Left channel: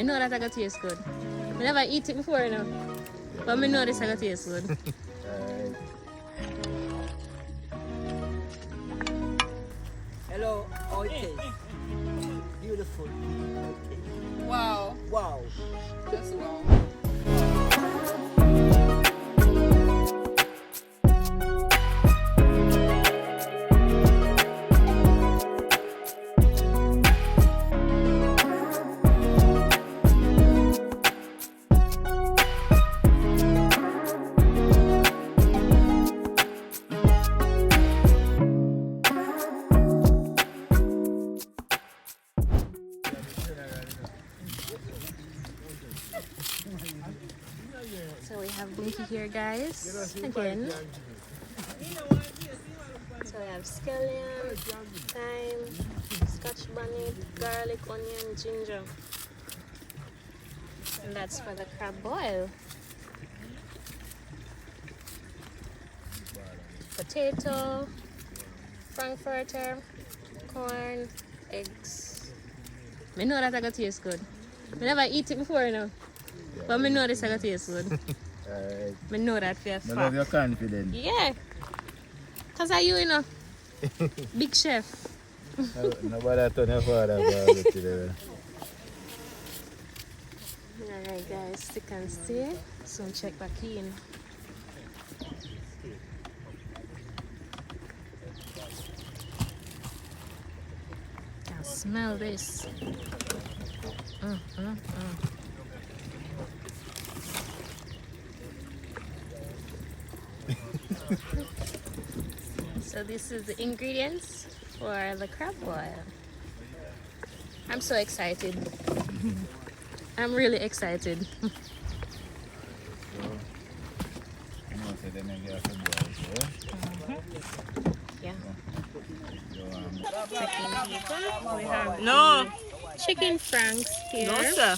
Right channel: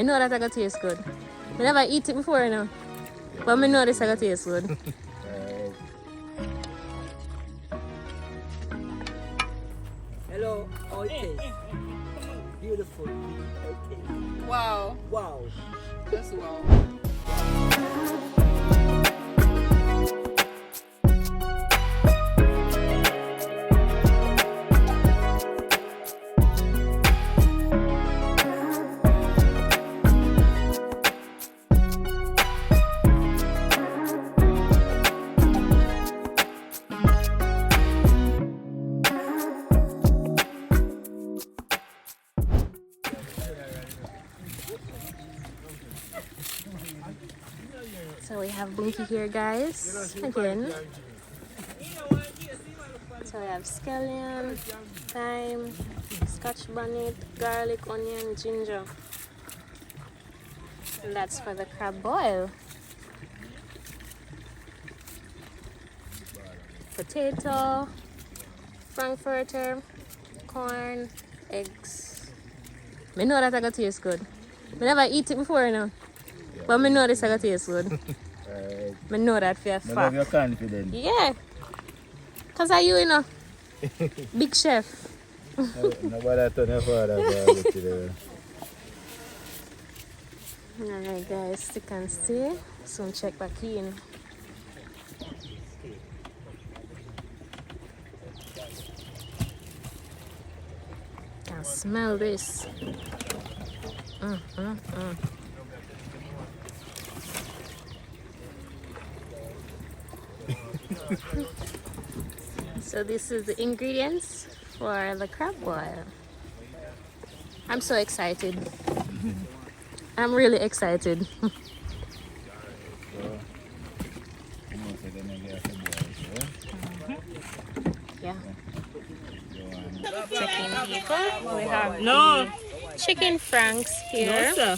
I know that I got taste good. I never eat it before, you know. But I know this I got taste good. Alright. Hello, okay. Beautiful. Okay. Wow. Wow. Just wow. So we have Bunky here, guys, again. So we have scallion, thyme, scotch bonnet, garlic, onion, ginger. And that's for the crab boil. Potato, frankfurter, corn, eggs. I know that I got taste good. I never eat it before, you know. Yeah, but I know this I got taste good. Alright. I know that for a I fact. love your confidence. Yeah. Because are you know? Big chef. Nobody told your father about it today. Alright guys, stick and stay. Soon check back in. Can smell this. So this is the ingredients for the crab boil. I'm so excited. I'm really excited. Yeah. We have No. chicken franks here. No, sir.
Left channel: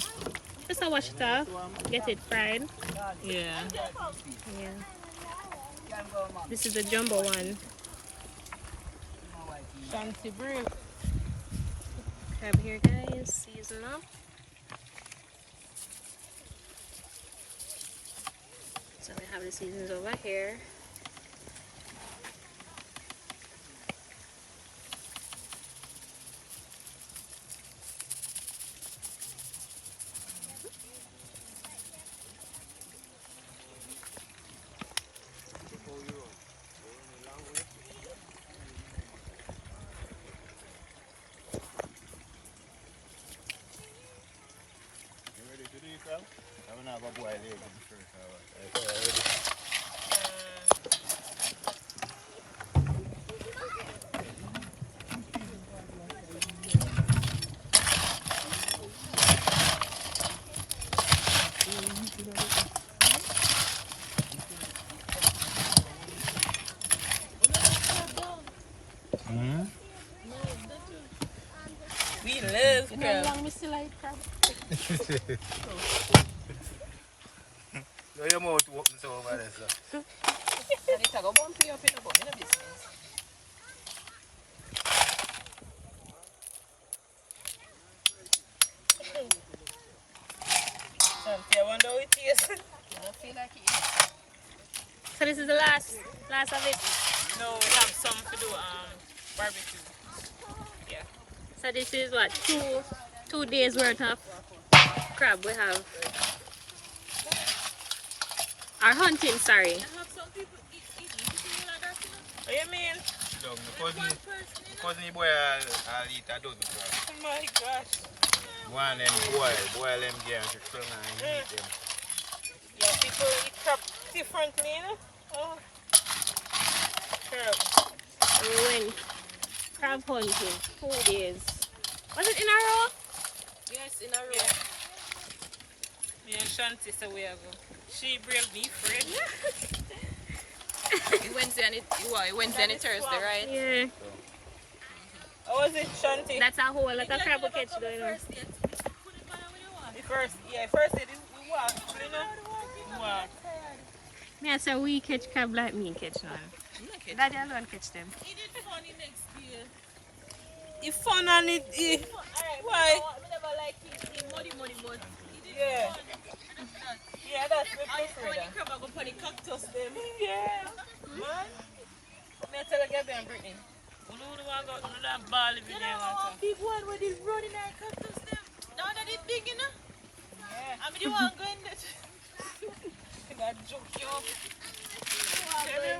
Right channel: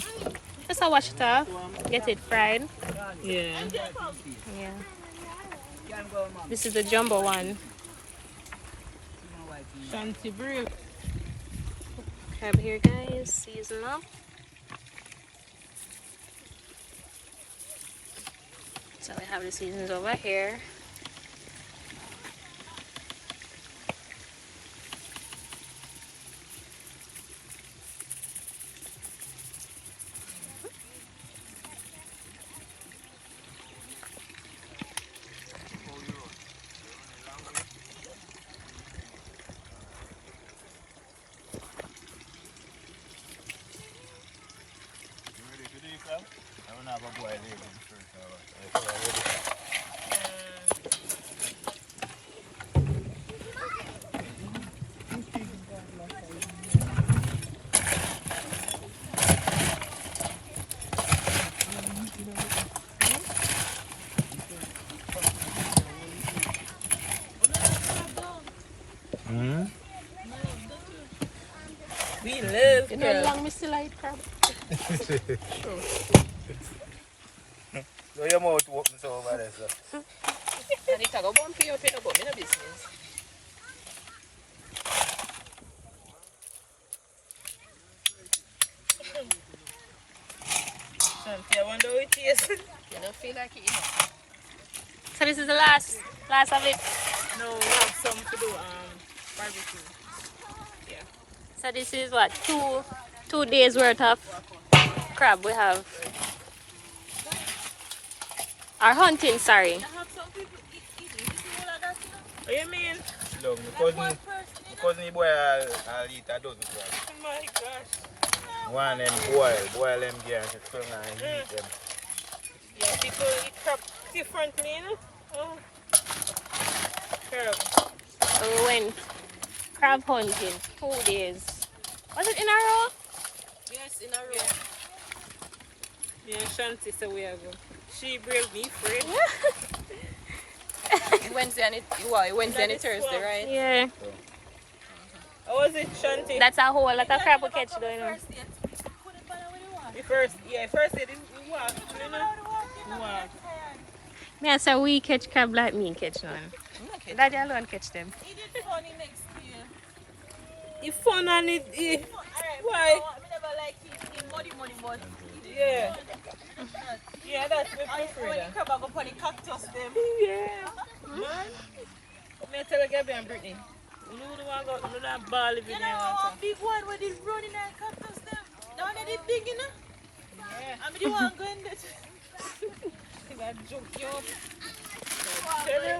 Just wash it off, get it fried. Yeah. Yeah. This is the jumbo one. Fancy brew. Crab here, guys. Season up. So we have the seasons over here. We love You know how long we still like crab? So your mouth open so over there, sir. And it go bump you up in a bum in a business. Something I wonder how it tastes. You don't feel like it. So this is the last of it. No, we have some to do barbecue. Yeah. So this is what, two days worth of crab we have. Our hunting, sorry. What do you mean? Look, my cousin boy I'll eat a dozen crab. Oh my gosh. One them boil them again, so and eat them. Yeah, people eat crab differently, you know? Oh. Crab. So we went crab hunting 2 days. Was it in a row? Yes, in a row. Me and Shanti say we have she brave me friend. Wednesday and Thursday, right? Yeah. How was it, Shanti? That's a whole lot of crab we catch though, you know. The first day we walk, you know? We walk. Me I say we catch crab like me catch none. Daddy alone catch them. He did funny next year. It's fun and it why? Yeah. Yeah, that's my preferred. When you crab up on the cactus them. Yeah. May I tell you again, Brittany? You know the one got that ball living there water. Big one with the road in there cactus them. Down there the big enough. Yeah. I'm the one going there. That joke you up. Tell you.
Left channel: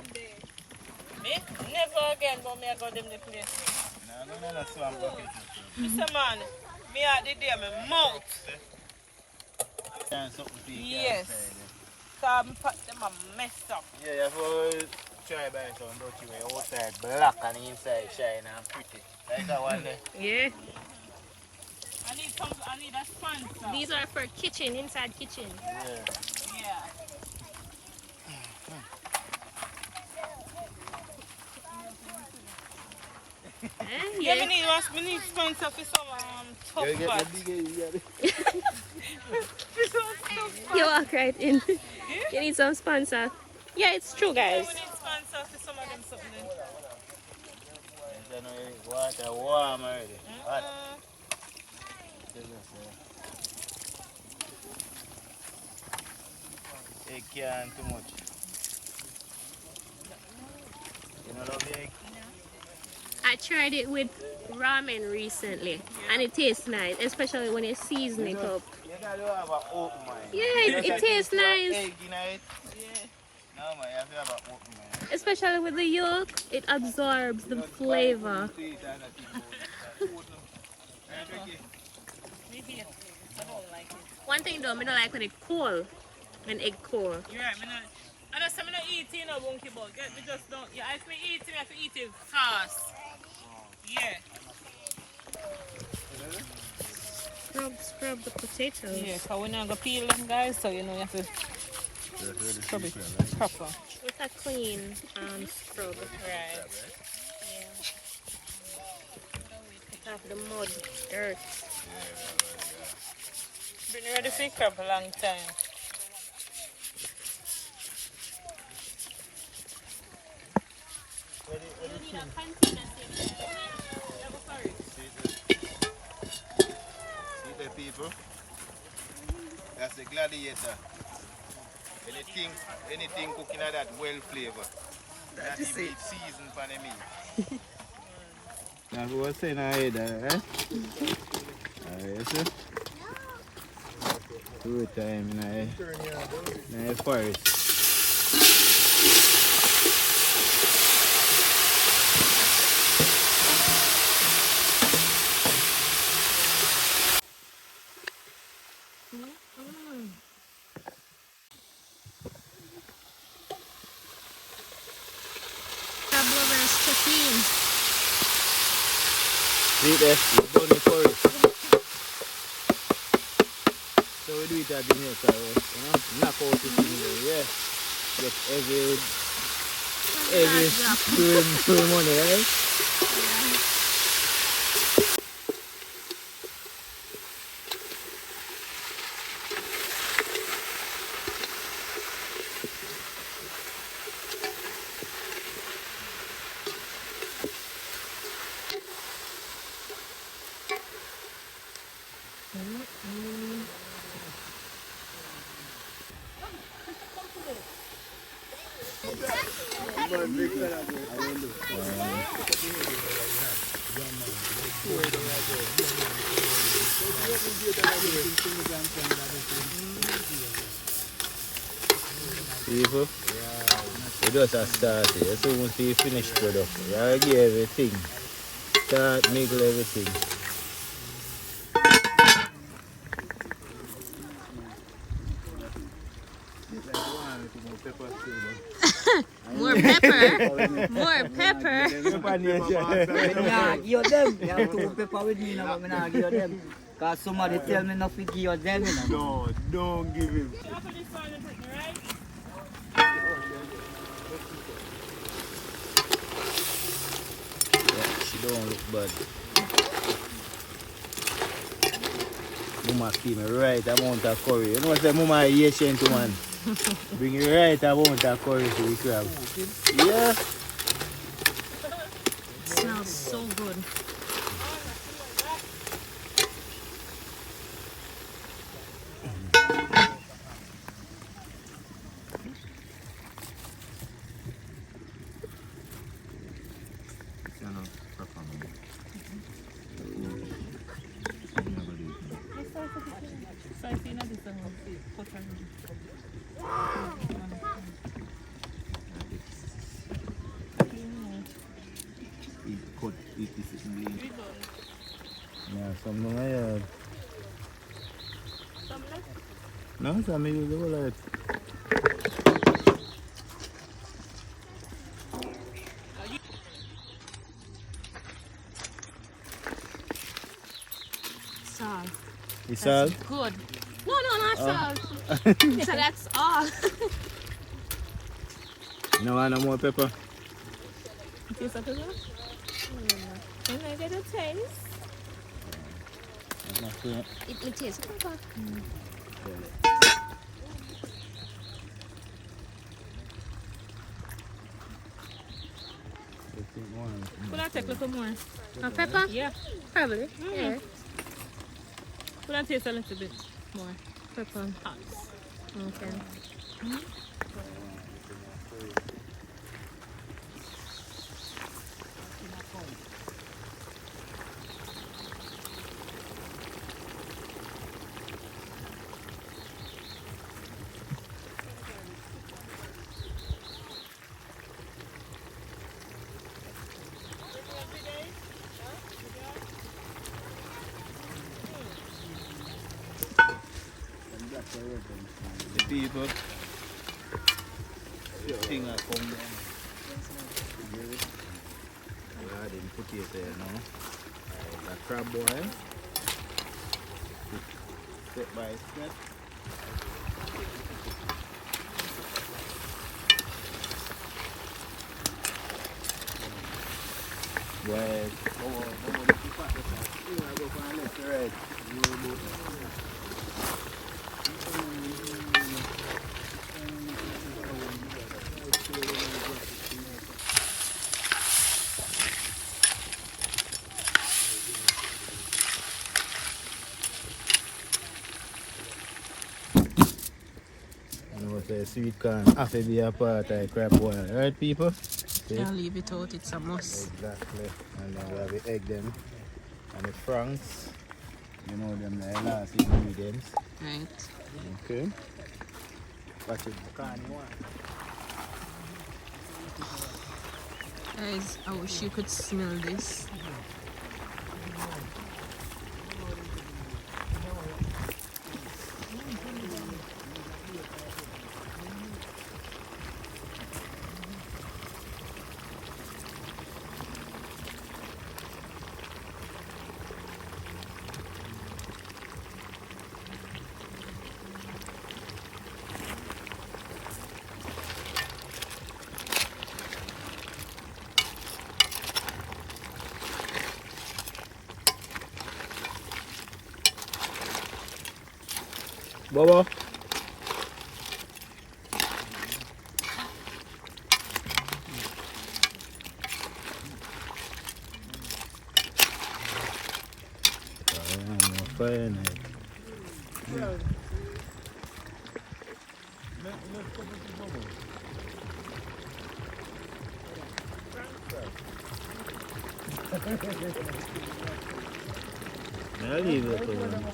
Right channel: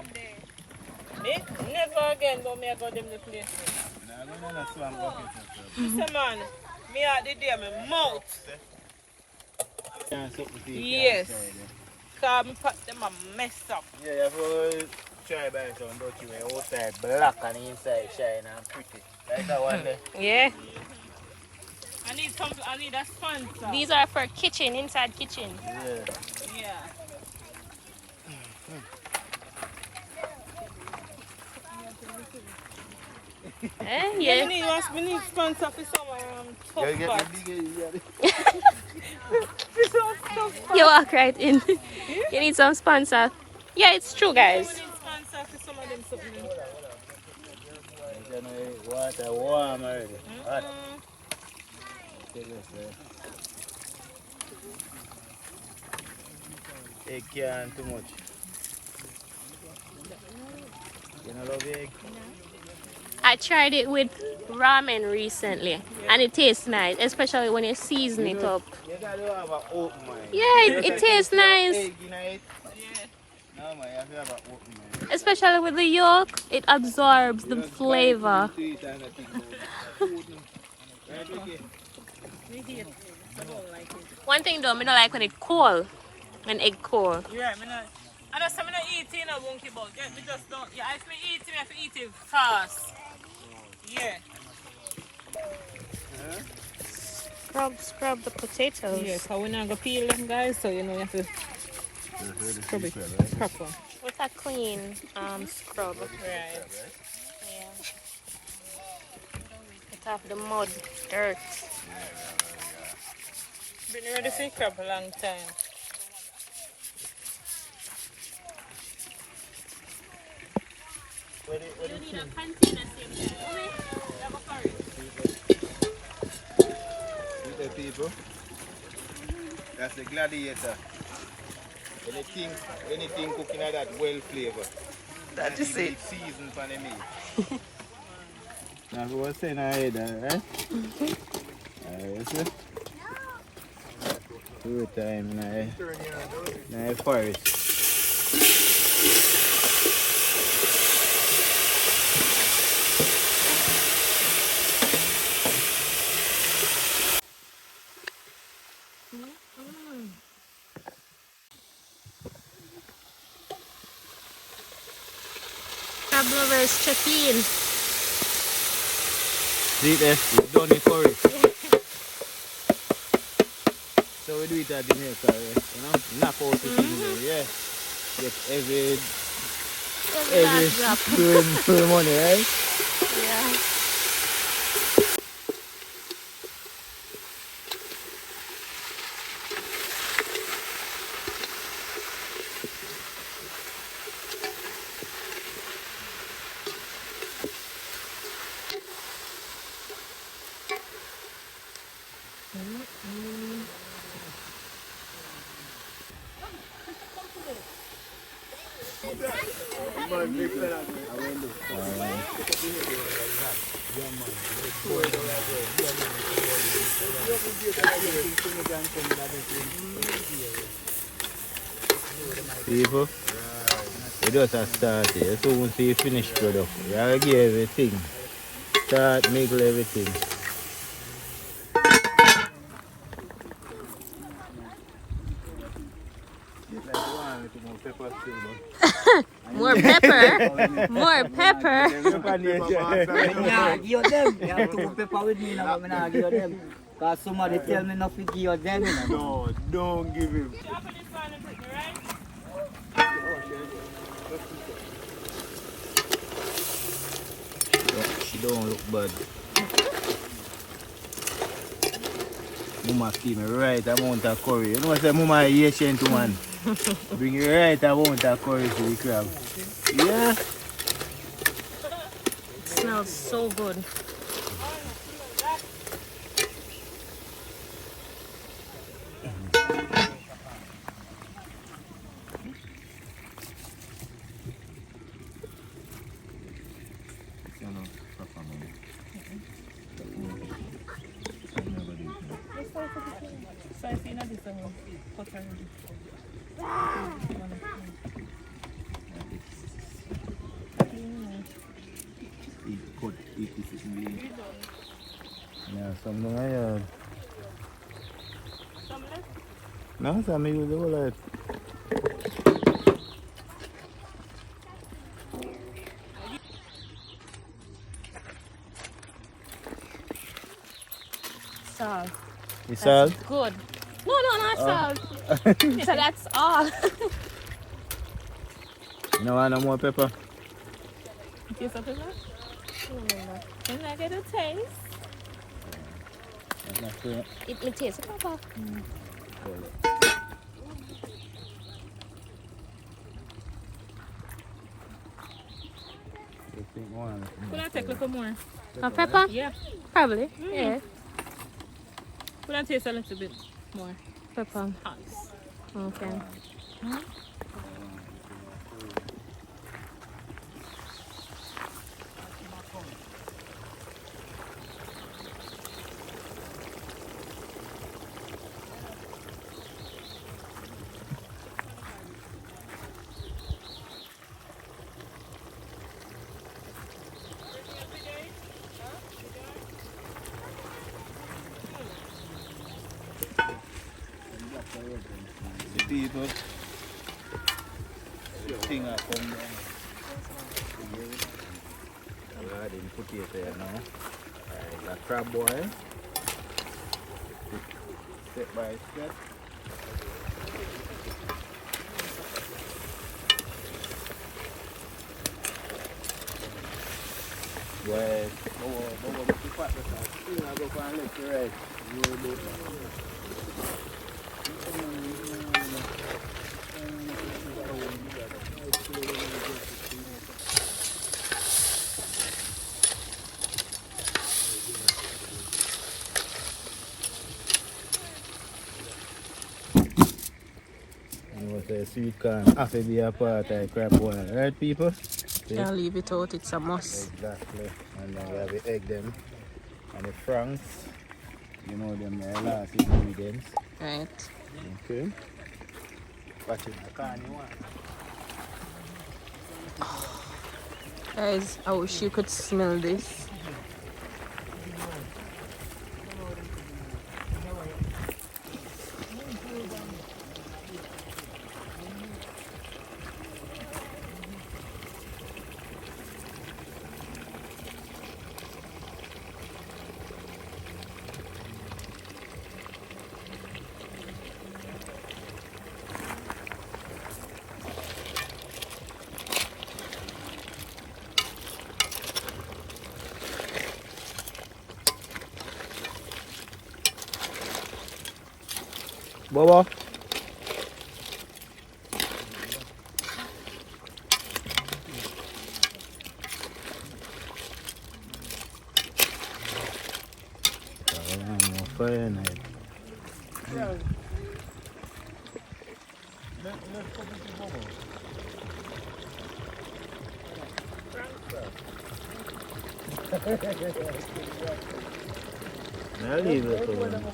Me? Never again, but me I got them the place. No, I'm going to swam bucket. Mr. Man, me out the day, my mouth. Yes. Because me put them a messed up. Yeah, you have to try by some dirty way. Outside black and inside shine and pretty. Like that one there. Yeah. I need a sponsor. These are for kitchen, inside kitchen. Yeah. Yeah. Yeah. We need sponsor for some tough pot. You walk right in. You need some sponsor. Yeah, it's true, guys. We need sponsor for some of them something. Water warm already. Hot. Egg can't too much. You don't love egg? I tried it with ramen recently, and it tastes nice, especially when you season it up. You gotta have an open mind. Yeah, it tastes nice. Egg in it. No, man, you have to have an open mind. Especially with the yolk, it absorbs the flavor. One thing though, I don't like when it's cold, when egg cold. You're right, I know some of them eating a monkey bug. Yeah, you just don't. Yeah, if we eat it, we have to eat it fast. Yeah. Scrub the potatoes. Yeah, because we're not going to peel them, guys, so you know you have to scrub it proper. With a clean scrub. Right. Get off the mud, earth. Been ready for crab a long time. You need a container sink. See the people? That's the gladiator. Anything cooking at that well flavor. That is it. Season for the meat. Now we were saying ahead, right? Yes, sir. Two time in the forest. Crab lovers, check in. See there, we've done it for it. So we do it at Jamaica, you know, knock out the thing, yeah. Get every spoon money, right? Yeah. People, we just start here. So once you finish product, you give everything. Start, middle, everything. More pepper. More pepper. Give you them. You have to pepper with me now, but I give you them. Because somebody tell me not to give you them. No, don't give him. She don't look bad. Mama give me right amount of curry. You know what Mama is Asian to man. Bring the right amount of curry to the crab. Yeah. Smells so good. Eat this in yeah, something like that. No, it's not use the wallet. Salt. It's salt? That's good. No, not salt. So that's all. You don't want no more pepper? Taste of it? Can I get a taste? That's not fair. It tastes pepper. Could I take a little more? Of pepper? Yeah. Probably. Yeah. Could I taste a little bit more? Pepper. Hot. Okay. The people, the thing I come down. I didn't put it there now. The crab boy. Step by step. Yes. Say sweet corn have to be a part of crab boil, right people? See? Can't leave it out, it's a must. Exactly. And then we have the egg them and the franks. You know them the last ingredients. Right. Okay. Watch it, I can't one. Guys, I wish you could smell this. Bobo. Fire night. I'll leave it alone.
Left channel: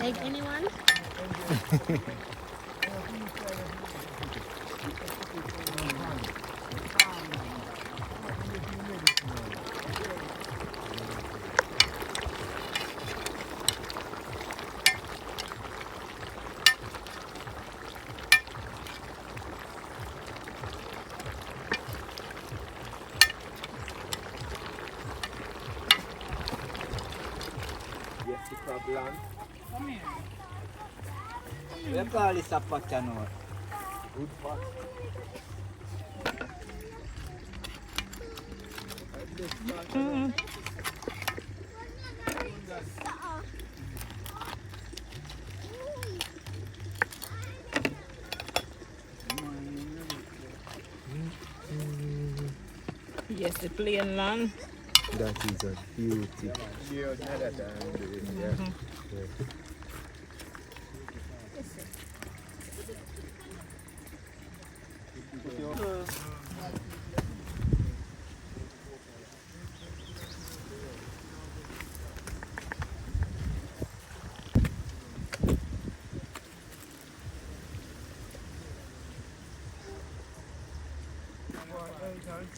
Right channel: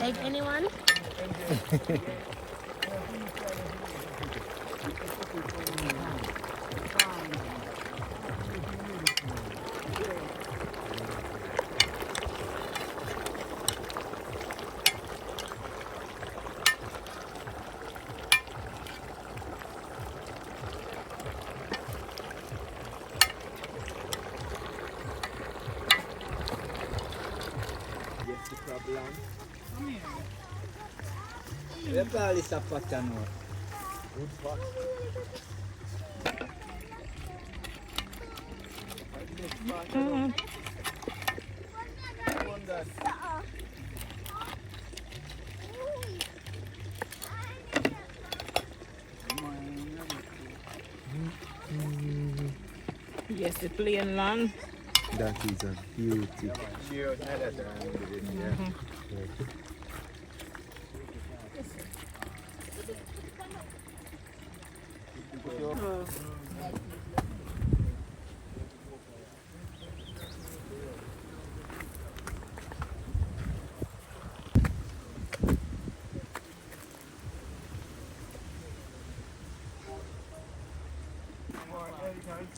Egg, anyone? We call this a pot canoe. Yes, the plain land. That is a beauty.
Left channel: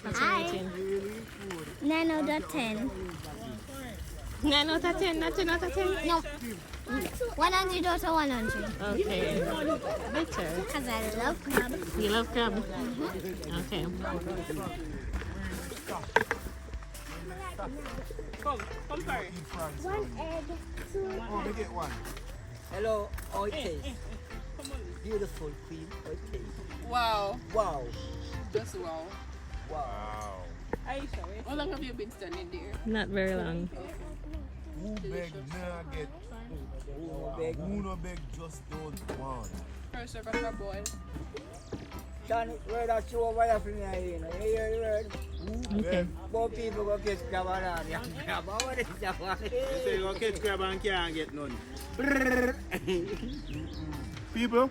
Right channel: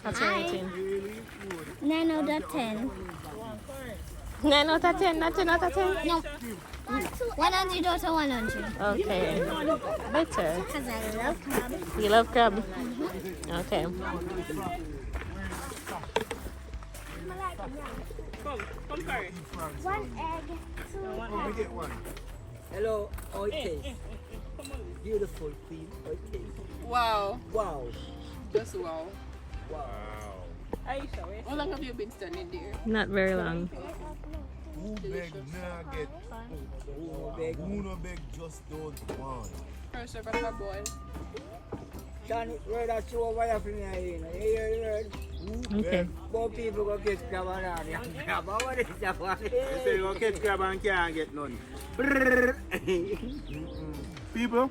Hi. 9 out of 10. 9 out of 10, not 10 out of 10? No. 100 out of 100. Okay. Better. Because I love crab. You love crab? Okay. Come first. One egg. Hello, how it tastes? Beautiful queen, how it tastes? Wow. Wow. Just wow. Wow. Aisha, wait. How long have you been standing there? Not very long. Who beg nugget? Who no beg just don't want. First of all, boy. Sean, where that show over here for me, you hear the word? Who Okay. beg? More people go catch crab and all, yeah. Crab, what is that one? You say you go catch crab and can't get none. People,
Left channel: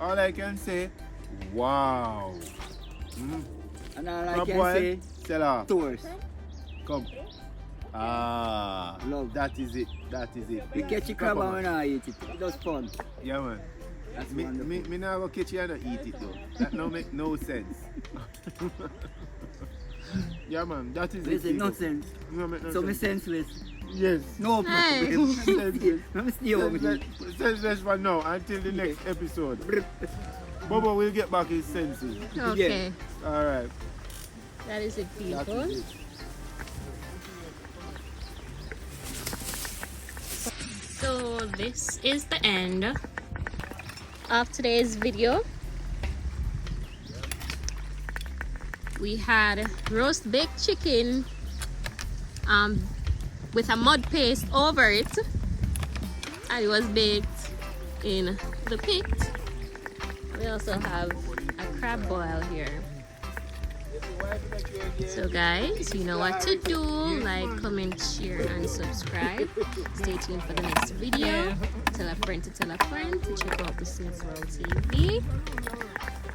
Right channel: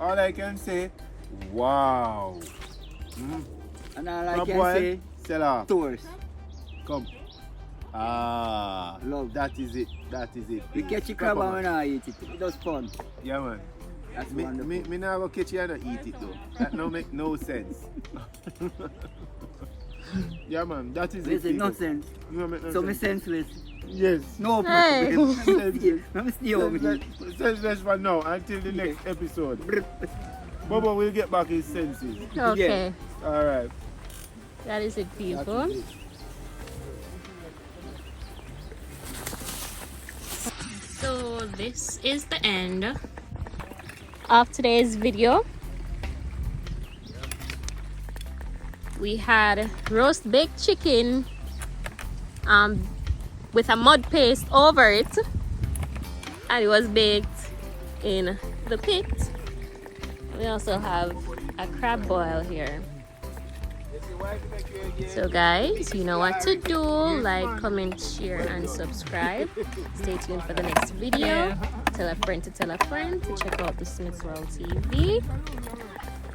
all I can say, wow. And all I Crab can boil, say, sell off. tours. Come. Ah, Love. that is it. That is it. We catch a crab and we not eat it. It was fun. Yeah, man. That's Me wonderful. not go catch you and not eat it though. That no make no sense. Yeah, man. That is it. Listen, no people. sense. No make no So me sense. senseless. Yes. No Hey. problem. Senseless. I'm still over here. Senseless for now until the next episode. Bobo will get back his senses. Okay. All right. That is it, That people. is it. So this is the end of today's video. We had roast baked chicken with a mud paste over it, and it was baked in the pit. We also have a crab boil here. So guys, you know what to do. Like, comment, share and subscribe. Stay tuned for the next video. Tell a friend to tell a friend to check out the Simple TV.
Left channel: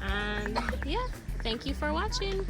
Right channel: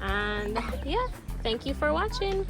And yeah, thank you for watching.